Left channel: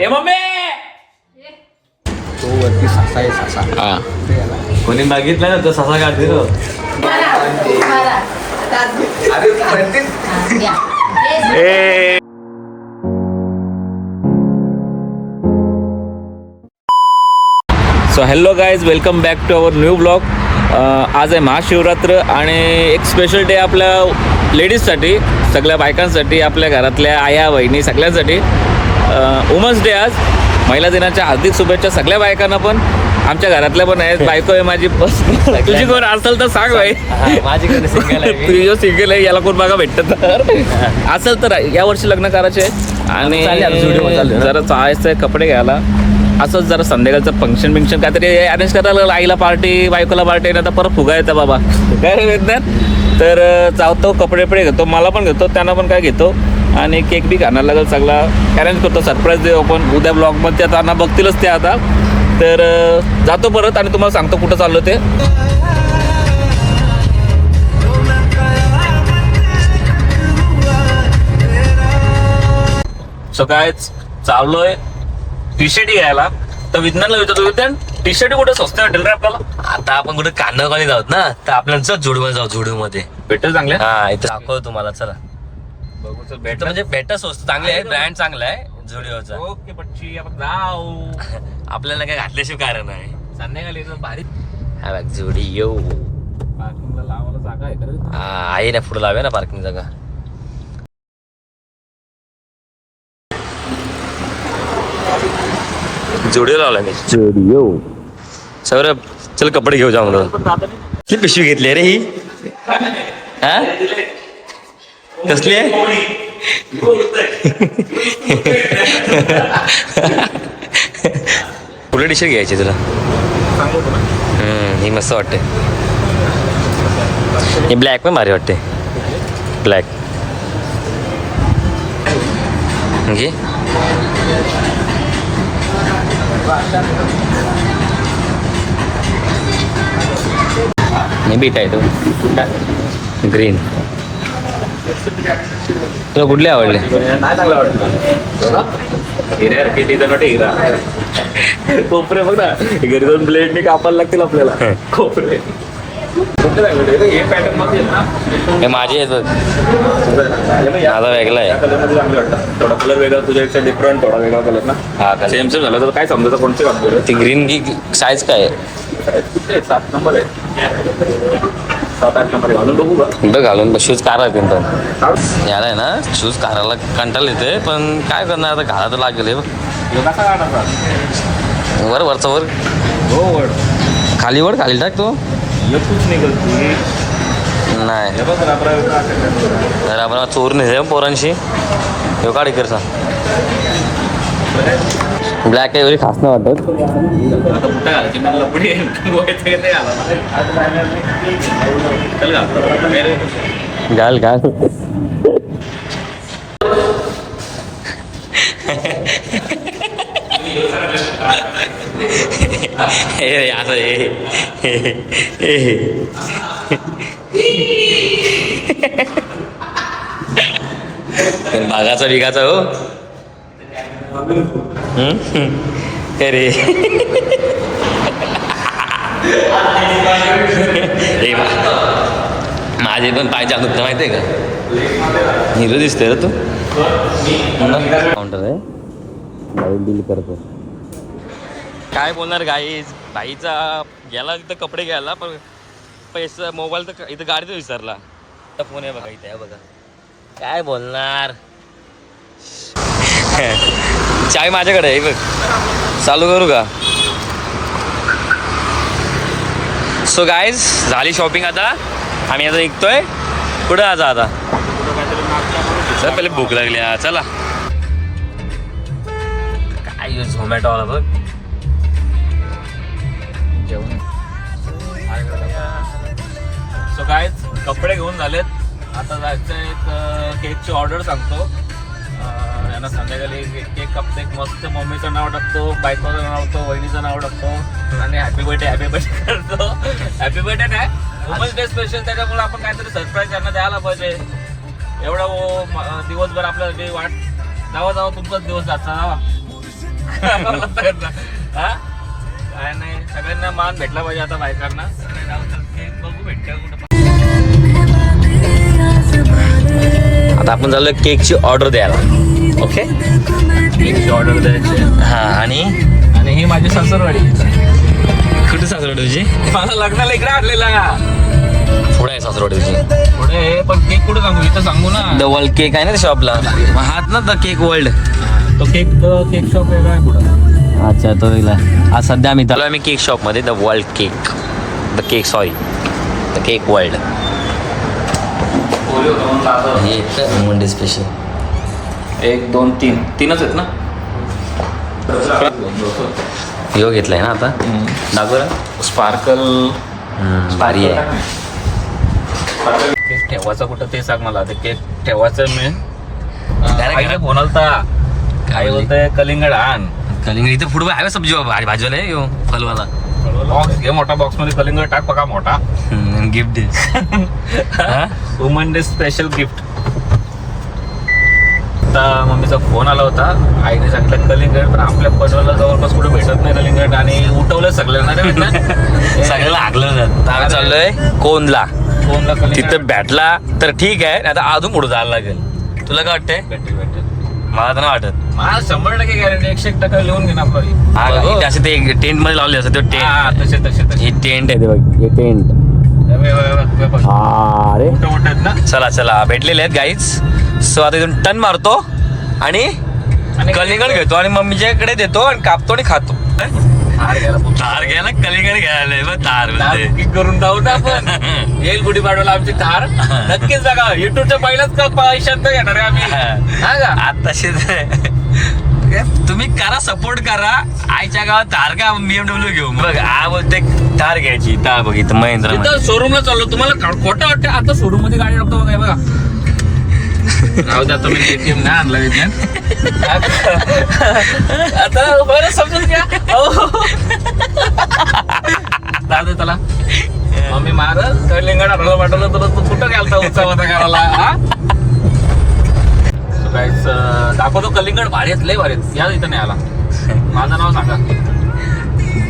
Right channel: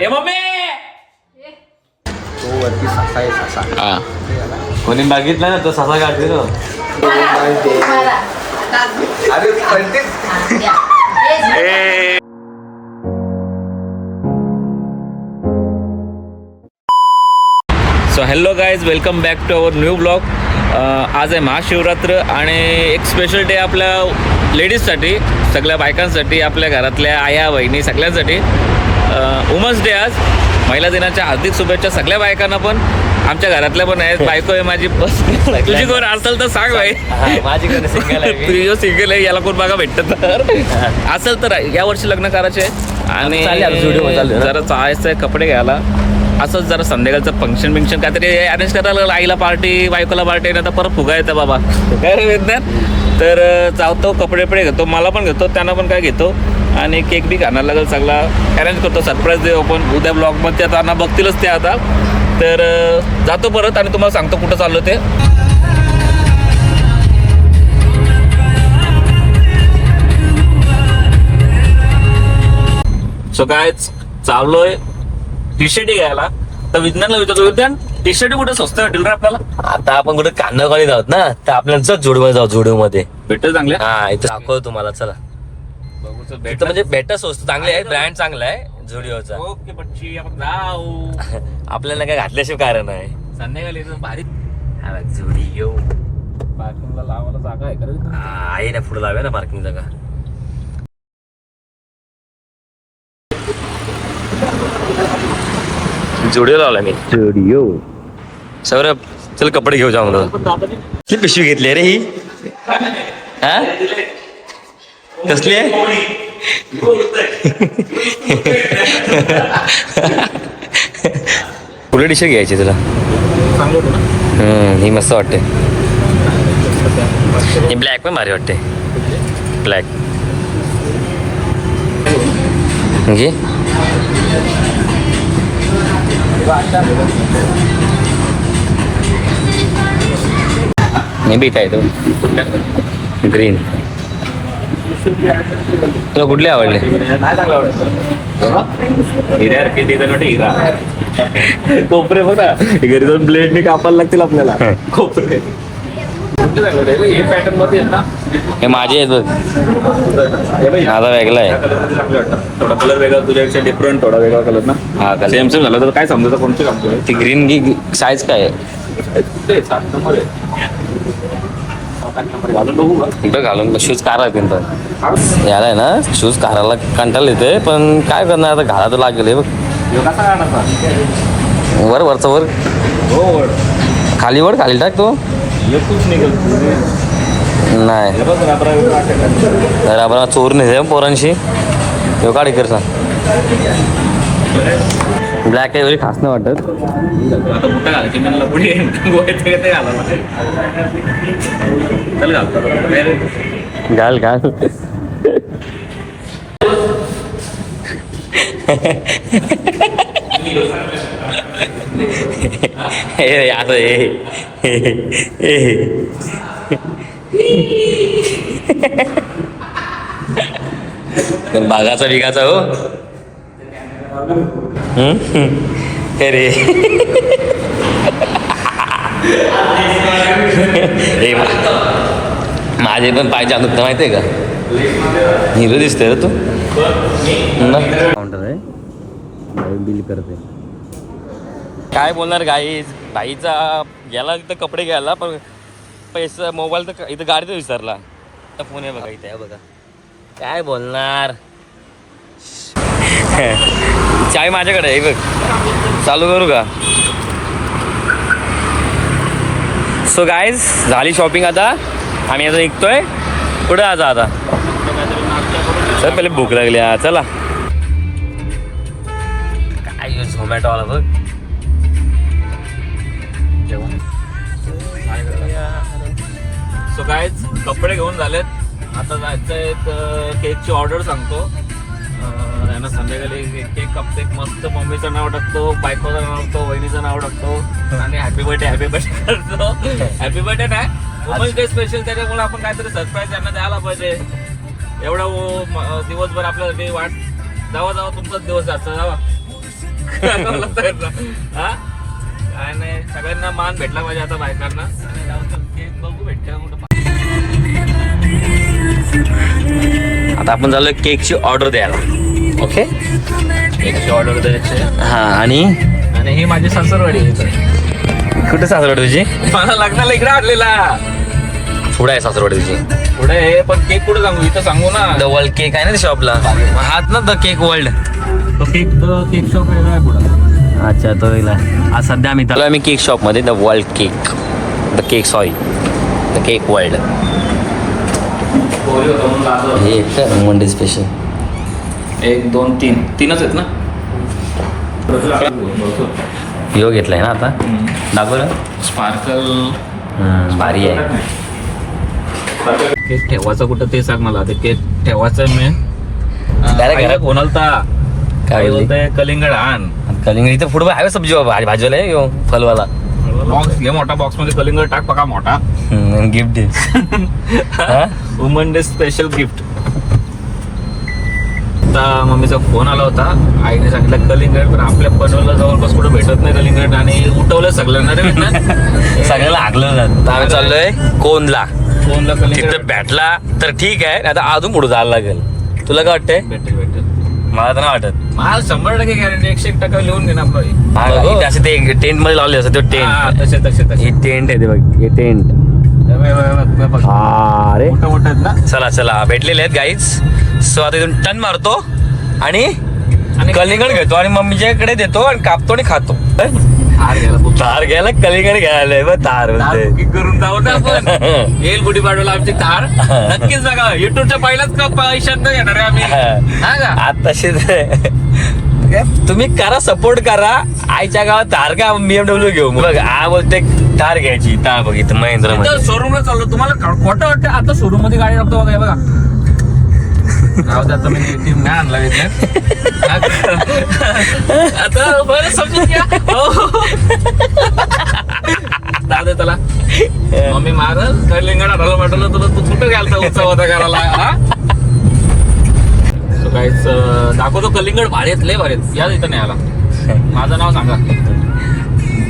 ए mummy तो वरती सासा आहे सासा. हा कोणी बघितलं ना तो ससा काढते तो. So hello guys, welcome back to our new blog. आज आहे महाशिवरात्र आणि एक स्पेशल डे आपल्या लेडीजसाठी, सगळ्या बायकांसाठी, आपल्या घरातल्या आया बहिणी सगळ्यांसाठी. वुमन्स डे आज. महिला दिनाच्या हार्दिक शुभेच्छा सगळ्या बायकांना, पण आमच्या घरातल्या पण आहेत. बायको आहे माझी. तुझी कोण असेल तर सांग भाई. तुझी जो सिंगल आहे याला कोण बघा भेटत तर असेल तर या वर्षी लग्न करायचे आणि जरा चाळायचं आहे कपडे घ्यायला. असंच जरा संध्याकाळचं फंक्शन काहीतरी अरेंज करायला, आईला पार्टी, बायकोला पार्टी, नाही तर परत फुगा येतं बाबा काय विज्ञान. तर जातो कपडे घेतो, मला पण घेतो, त्यांना पण काय घेतो आणि केक बी खाणार लागेल. सगळा अरेंज करतो, सरप्राईज देऊ आपण उद्या ब्लॉगमध्ये. त्यांना बघतीलच ते आता. तर जातो परत आणि तुम्हाला सांगतो कुठं चाललो ते. सो काय चाललोय टी शर्ट घ्यायला. तर विज्ञानला विचारतो, विज्ञान टी शर्ट कुठं स्वस्त भेटेल रे आपल्याला? आता आपण कुठे कान्हाकडे जाऊत ना, तर आपल्याला जोडूमध्ये जाऊ. जोडूमध्ये भेटेल चांगले. हा इथं दाखव तुम्हाला. चला इथं म्हणजे भेटा स्वस्त चांगले आहे, ब्रँड चांगला आहे झुडिओचा. ओके बच्ची, आपण जाऊ. आपल्याला काय घातल्याशिवाय कारण आहे. संध्याकाळी भारी हा बघ झुडिओ. पार्किंगला लावायला जागा आहे का? आहे ना, पुढे लावे ना पार्किंग जागा. जुडिओ लावला मी. जुडिओ. सौरभ चल कपडे घेऊ जाऊ म्हणून. किती पिशवी घेतली रे ही? हा कसली आहे? कुठे टी शर्ट घ्यायची तुला? ही मस्त वाटते. ही ब्लॅक पण भारी वाटते. ब्लॅक म्हणजे मी बीट आहे तो ग्रीन. तुला कुठले आवडले? नाही चांगलं आवडतं. कोपरे हो ना, घरी जाऊन ब्लेडने कापायला लागतील आपल्याला कोपरे. हे पॅटर्न मध्ये ना, हे माझे आहेत बघ. माझा वेगळा आहे. थोडा कलर वेगळा, तुझ्यापेक्षा डिफरंट, थोडा वेगळा कलर ना. हा कलर सेम झालं तर काय समजायचं कोणते कापतो? ती ग्रीन की साईज काय आहे? कुठे 7 नंबर आहे. 7-8 नंबर घालून बघू का? कुठं घालून शूज काढा पण याला आहे ना, शूज काढायला कंटाळा येते, पण काय करणार आता, घाला तर लागेल. हे बघ कसा काढायचा? वरचा वर. हो खाली खाली टाक तो. एकूच निघल नाही तर आपण चोर नाही पोरांशी. यो काढ करता. ब्लॅक आहे, एवढी खास नाही वाटत. आता कुठं घालायची म्हणलं पुढे गोळ्या घालायला चल घालतो. घाल असं पण बागाचा बिगाचा हो. अरे माझे पण पाय जाणून माहिती आहे का? हिरो दिसतोय ना तू. काउंटर आहे, बिल करते. काय बोलणार भाईचा गेला इथं कपडे घ्यायला, पण पैसा मोबाईल तर इथं गाडीत विसरला. फोन आहे बघा इथे. आहे बघा. काय बोलणार. चाय माझ्याकडे आहे बघ. चालू करू का? सो गाईज झाली शॉपिंग. आता आम्ही आता निघतोय. कुठं आता सर पहिले भूक लागली. चला. काय झोमॅटोवाला बघ. सो गाईज कपडे घेऊन झालेत. आता जायचं एक केकची ऑर्डर सांगतो. यांना संध्याकाळी केक कापतो. मस्त मम्मीचं नाव टाकतो, बायकोचं नाव टाकतो, वहिनीचं नाव टाकतो आणि हॅपी बर्थडे करतो. हॅपी बर्थडे नाही, वुमन्स डे स्पेशल, त्याच्यामुळे आपण काहीतरी सरप्राईज त्यांना द्यायला पाहिजे. एवढा दिवसभर आपल्यासाठी वाट. जावा तुमचाच दिवस जायचा. जावा हा काय नाही, सगळ्यांना मान भेटला पाहिजे आता बायकांना. बघू भेटते आता आपण झालं केकची ऑर्डर द्यायला. ओके, केकची ऑर्डर द्यायची. हा. आणि ही माझी सासरवाडी आहे. कुठे सासरवाडी तुझी? मला लग्नाला इकडे आणलेला. पुढे आहे सासरवाडी तुझी? पुढे आहे, पण केक कुठे सांगू? इथं सांगू ना. द वर्ल्ड केक आहे ना शॉपला, हात ना द केक वर्ल्ड. तो केक शॉप वेगळा आहे पुढे. अच्छा, तो वेगळा. आज सध्या आम्ही केक शॉपमध्ये, the world cake, the cake, sorry, the cake world. हे मंडे स्पेशल. 1 2 3 तीनच आहेत ना. यो घेतलाय ना आता, दाखव ना. स्पार्कल भारी आहे. केक ठेवायचं कुठं ते सांग मला. ते केक ठेवायचं मी Direct घरात बोलता काय बोलली? बोलताय, कलिंगड आण. कलिंग इथं फुटबॉल आहे सब्जी भाजीवाला आहे यो फलवाला. बॉक्स घे, मोठा बॉक्स मध्ये कलिंगड टाक, बघा मोठा. गिफ्ट दे. Woman day special gift. आता मम्मीचा फोन आला होता, आईने सांगितलं कलिंगड, पण आपल्या बनवलं जवळपास कुठं भेटत नाही कलिंगड, आणि उठवलं सगळ्यांना रे. सगळ्याला हागलं जात. आम्ही चाललोय कोनला. फोनला तिथं कलिंगड भेटला तर ठीक आहे, आता अजून पुढे जायला लागेल. तुला काय वाटतंय? भेटेल. मला तर नाही वाटत. मला 100% गॅरंटी, 101% लिहून घे ना आपलं. हा का? इथे असं ते टेंट मध्ये लावले असं ते टेंट. तसे हे टेंट आहे ते बघ, हे टेंट. अरे मोठं आहेत ना. चला भेटलेले आहेत गाईज. सो आता इथून टर्न मारतो आणि कलिंगड घेतो आणि मम्मीच्याकडे देतो आणि कापतो आणि खातो. तार घ्यायला कलिंगड घ्यायला बघ. तार बोलते बुकिंग करून जाऊ ना आपण. येईल गुढीपाडव्याला आमची थार. नक्कीच जागा. युट्यूबच्या पहिल्याच पैशात नाही येणार आहे आम्ही. हा का? आताशी तुम्ही करा, सपोर्ट करा. आईच्या गावात तार का BMW घेऊ. बघ आ बोलते तार घ्यायची. तार बघ इथं महिंद्रा मध्ये शोरूमला चाललो. तुम्हाला खोटं वाटतं? आता शोरूम मध्ये गाडी टाकतो बघा. बघा राहू द्या, तुम्ही ATM नाही आणला इथे. आता बरं समजून घ्या. दादा त्याला मम्मी मार कलिंगड आणायला पाठवलं तुला. तू कुठं गेलता उत्सव होता करायला? काहीच दाखवतो. कलिंगड भारी आहेत, लय भारी आहेत. या इथं नाही आला. माझं नाव सांगा.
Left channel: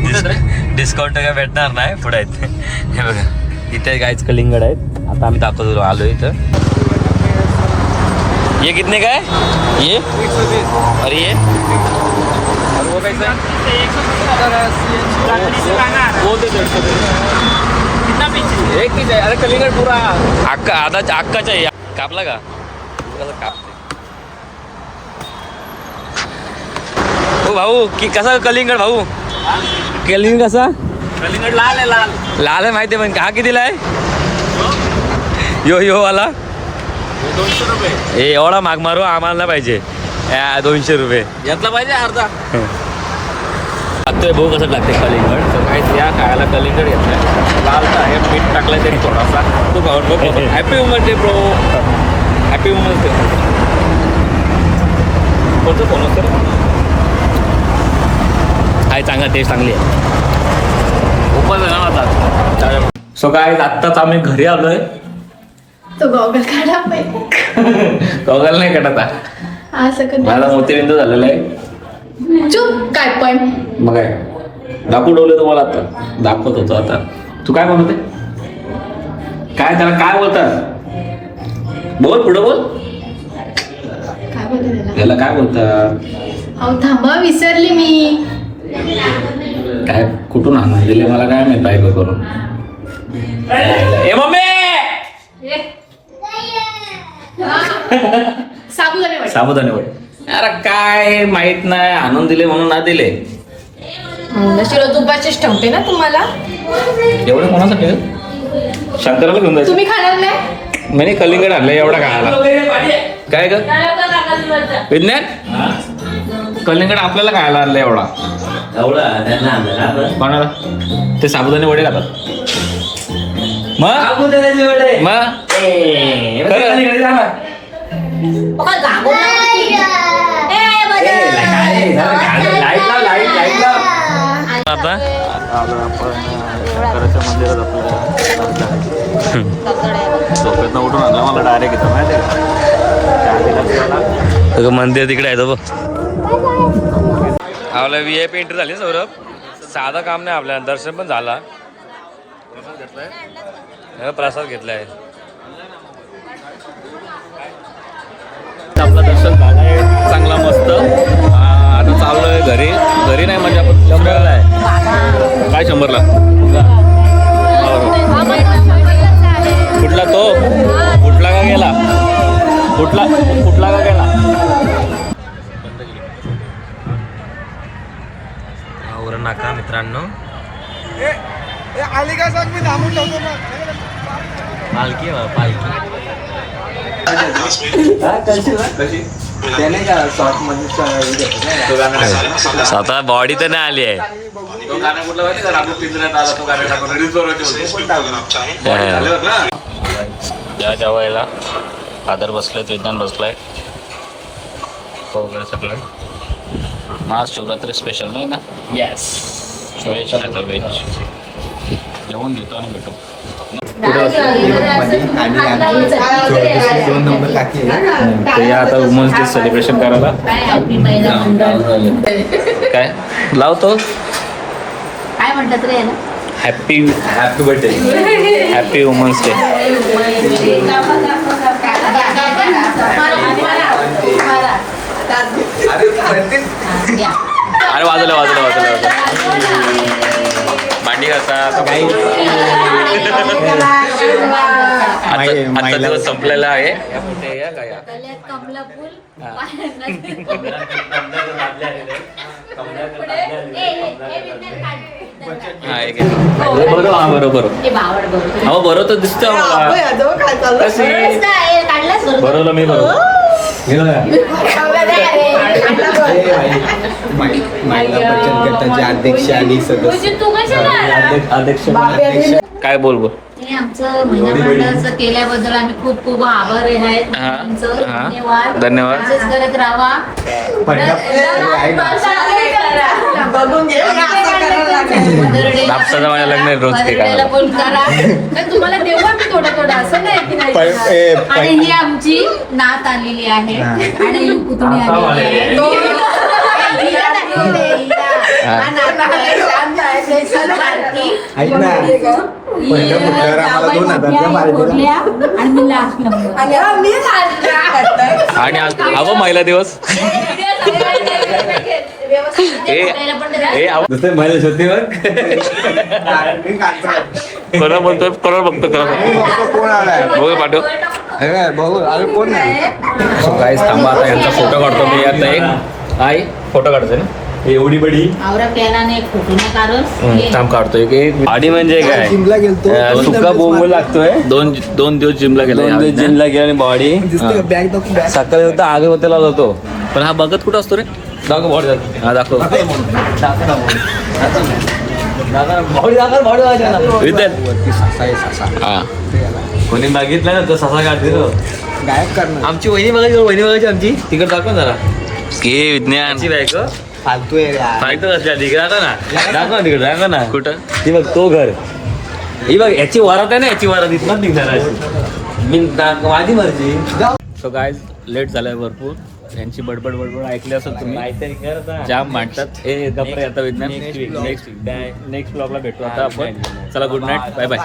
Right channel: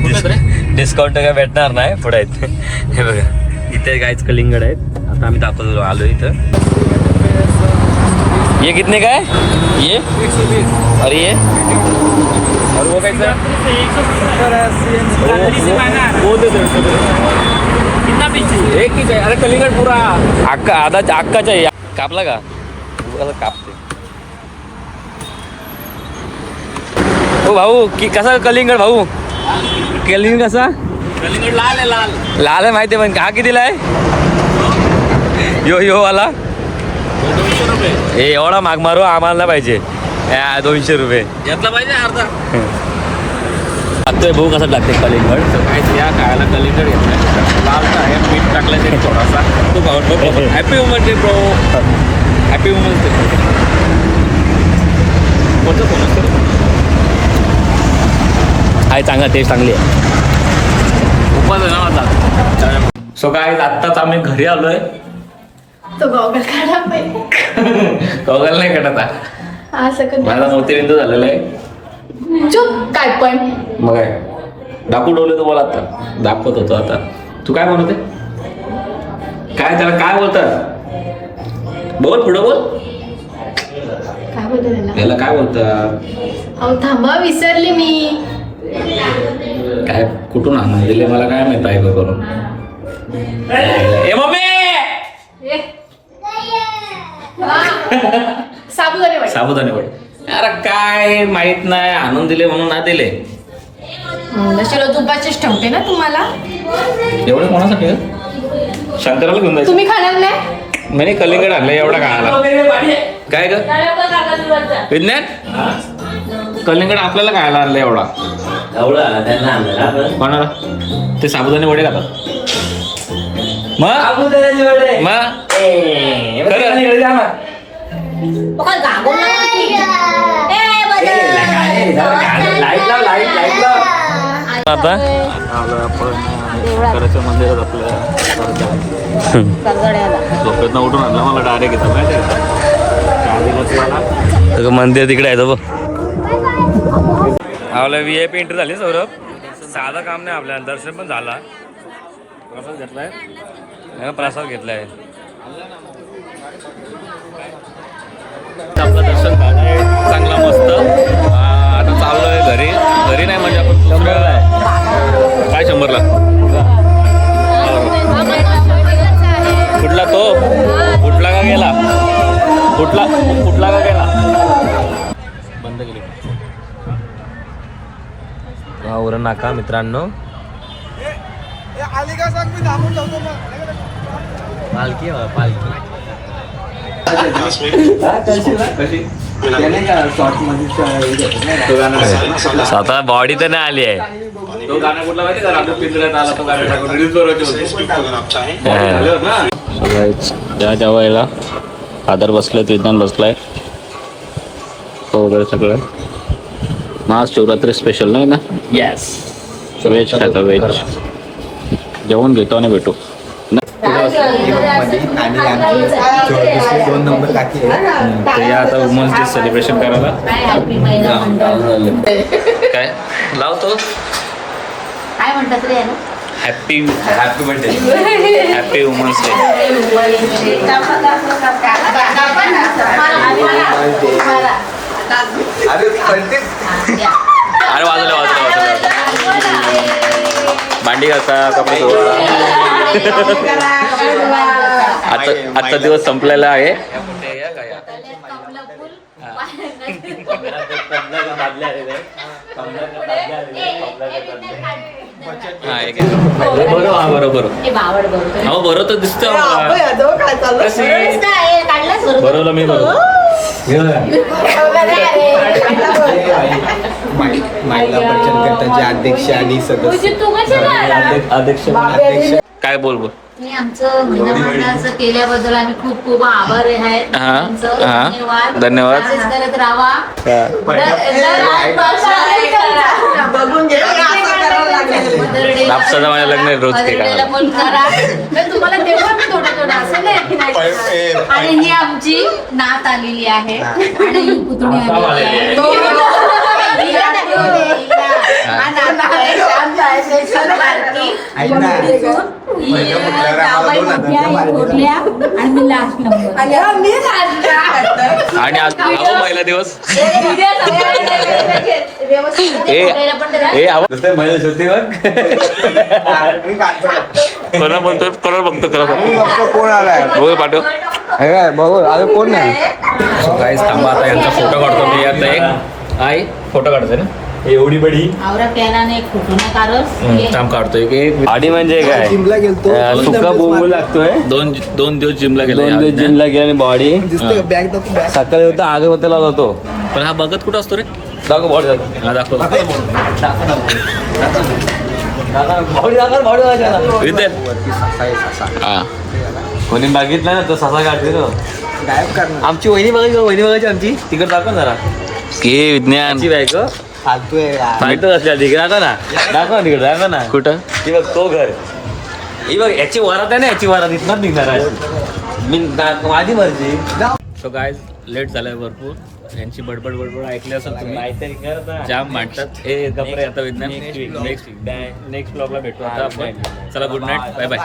कुठे रे? डिस्काउंट काय भेटणार नाही पुढे आहेत. हे बघा इथे गायच कलिंगड आहेत. आता आम्ही दाखवतो आलो इथं. ये कितने का है ये? 120. और ये एक ही चाहिए. अरे कलिंगड पूरा अक्का अक्का चाहिए. कापला का? कसं कापते ओ भाऊ की कसा कलिंगड भाऊ? कलिंगड कसा? कलिंगड लाल आहे. लाल आहे माहिती आहे, पण का कितीला आहे? यो वाला 200 रुपये. हे एवढा माग मारू आम्हाला नाही पाहिजे. 200 रुपये घेतला पाहिजे अर्धा. लागतोय भाऊ. कसं लागते कलिंगड? तर काय या खायला कलिंगड घेतलाय. लाल तर आहे, मीठ टाकलंय तरी थोडासा. तू खाऊन happy woman day bro. Happy woman day. आहे चांगला, टेस्ट चांगली आहे. उपास आहे ना आता. सो काय आत्ताच आम्ही घरी आलोय. तो गॉगल काढा पहिले. गॉगल नाही काढत. असं कर. माझा मोतीबिंदू झालेला आहे. चुप काय पण. मग काय दाखवू डवले तुम्हाला आता. दाखवत होतो आता. तू काय म्हणते? काय त्याला काय बोलतात? बोल पुढं बोल. काय बोलतो त्याला? याला काय बोलतात? अहो थांबा, विसरले मी. काय कुठून आणून दिले मला काय माहित बायको करून. ए मम्मी साबुदाणे वडे. साबुदाणे वडे. अरे काय माहित नाही, आणून दिले म्हणून ना दिले. शिरो तुपाचेच ठेवते ना तुम्हाला. एवढं कोणासाठी? शंकराला घेऊन जायचं. तुम्ही खाणार नाही? म्हणे कलिंगड आणलं एवढा खायला. काय ग विज्ञान? कलिंगड आपल्याला खायला आणलं एवढा. कोणाला? ते साबुदाणे वडे खातात. मग आता आलो आपण शंकराच्या मंदिरात. आपल्या झोपेतनं उठून आणला मला डायरेक्ट इथं. माहिती आहे का काय दिला तुम्हाला? मंदिर तिकडे आहे तो बघ. आपल्या VIP एंट्री झाली सौरभ. साधं काम नाही आपल्याला, दर्शन पण झाला. प्रसाद घेतलाय. आपलं दर्शन झालंय चांगला मस्त. आता चाललोय घरी नाही म्हणजे आपण दुसऱ्या काय 100ला कुठला तो कुठला का गेला कुठला का गेला. उरण नाका मित्रांनो. पालखी आहे, पालखी. स्वतः बॉडी तर नाही आली आहे. तो गाणं कुठला माहिती का राघू पिंजऱ्यात आला तो गाणं टाकून रील्स बनवते त्या वेळेला फादर बसलाय, विज्ञान बसलाय वगैरे सगळं. महाशिवरात्री स्पेशल नाही ना. येस व्हेज खाता व्हेज जेवण घेतो आणि भेटू. तर या आता वुमन्स डे सेलिब्रेशन करायला काय लावतो. काय म्हणतात रे याला? Happy birthday happy women's day. अरे वाजवलं भांडी घासा कपडे. आजचा दिवस संपलेला आहे. बरोबर हो बरोबर तर दिसत बरोबर मी अध्यक्ष काय बोल हे आमचं महिन्याभराचं केल्याबद्दल आम्ही खूप खूप आभारी आहेत. धन्यवाद. धन्यवाद. असेच करत राहा. नापसाचं माझ्या लग्न आहे रोज ते बर्थडेला पण करा. तर तुम्हाला तेव्हा मी थोडं असं नाही की नाही. आणि ही आमची नात आलेली आहे आणि ही पुतणी आलेली आहे. आणि आज हवं महिला दिवस कोणा बोलतोय कोणा बघतो कोण आलाय बघू पाठव कोण नाही. सो गाईस थांबा आता यांचा फोटो काढतो मी. आता एक आई फोटो काढतोय ना एवढी बडी आवरा पेनाने एक फोटो नाही काढत. थांब काढतोय की आडी म्हणजे काय जिमला गेलतो सुका बोंब लागतोय. दोन दिवस जिमला गेला जिमला गेला आणि बॉडी बॅग दाखव बॅग सकाळी होता अगरबत्तीला जातो. पण हा बघत कुठं असतो रे. दाखव बॉडी हा दाखव हा कोणी बघितलं ना तर ससा काढते ना. गायब करणार आमची वहिनी बघायची आमची तिकडे दाखव जरा. हे विज्ञान बायको फालतू आहे यार. फालतू असल्या तिकडे दाखव ना तिकडे दाखव ना. कुठं ती बघ तो घर. ही बघ याची वरात आहे ना, याची वरात इथणार निघणार आहे. मी माझी मर्जी. सो गायज लेट झालाय भरपूर. यांची बडबड ऐकली असेल तुम्ही. जाम मांडतात हे गप्रे. आता विज्ञान नेक्स्ट ब्लॉगला भेटू आता आपण. चला गुड नाईट बाय बाय.